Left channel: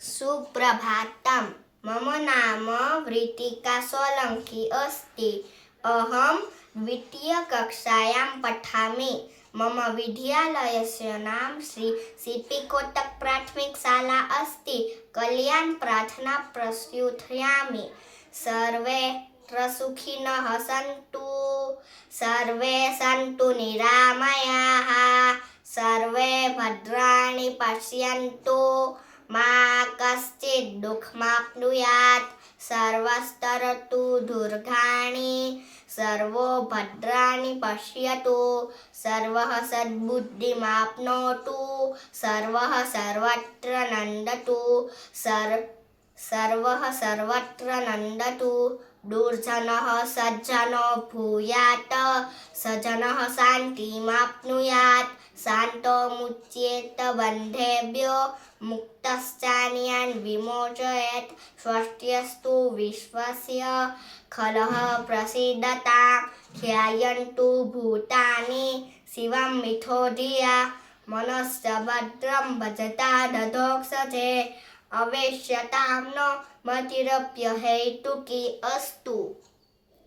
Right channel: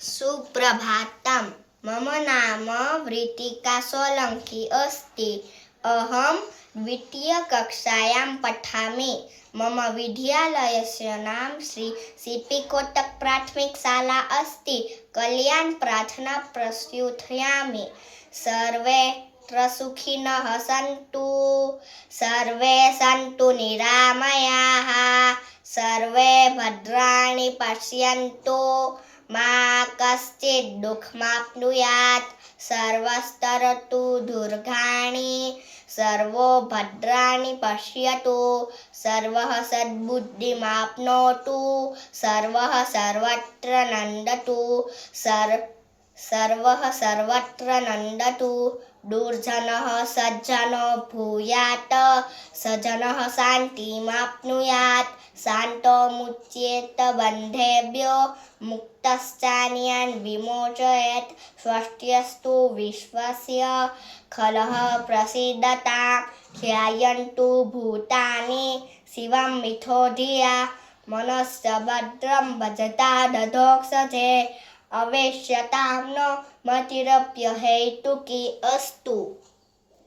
सुप्रभातं। मम नाम वृत्तिका सोलंकी अस्ति। अहं द्वितीयकक्षायां पठामि। मम विद्यालयस्य नाम श्री सीपी कोटक प्राथमिकशाला अस्ति। कल्याण प्रार्थना प्रस्तुतयामि। सर्वे सुखिनः सन्तु, सर्वे सन्तु निरामयाः, सर्वे भद्राणि पश्यन्तु, मा कश्चित् दुःखमाप्नुयात्, सर्वस्तरतु दुर्गाणि, सर्वो भद्राणि पश्यतु, सर्वः सद्बुद्धिमाप्नोतु, सर्वः सर्वत्र नन्दतु, सर्वः सर्वत्र नन्दतु, दुर्जनः सज्जनो भूयात्, सज्जनः शान्तिमाप्नुयात्, शान्तो मुच्येत बन्धेभ्यो, मुक्तश्चान्यान् विमोचयेत्। स्वस्त्यस्तु विश्वस्य खलः प्रसीदतां, ध्यायन्तु भूतानि शिवं मिथो धिया, मनश्च भद्रं भजता दधोक्षजे, अवेश्यतां नो मतिरप्यहेतुकी अस्तु।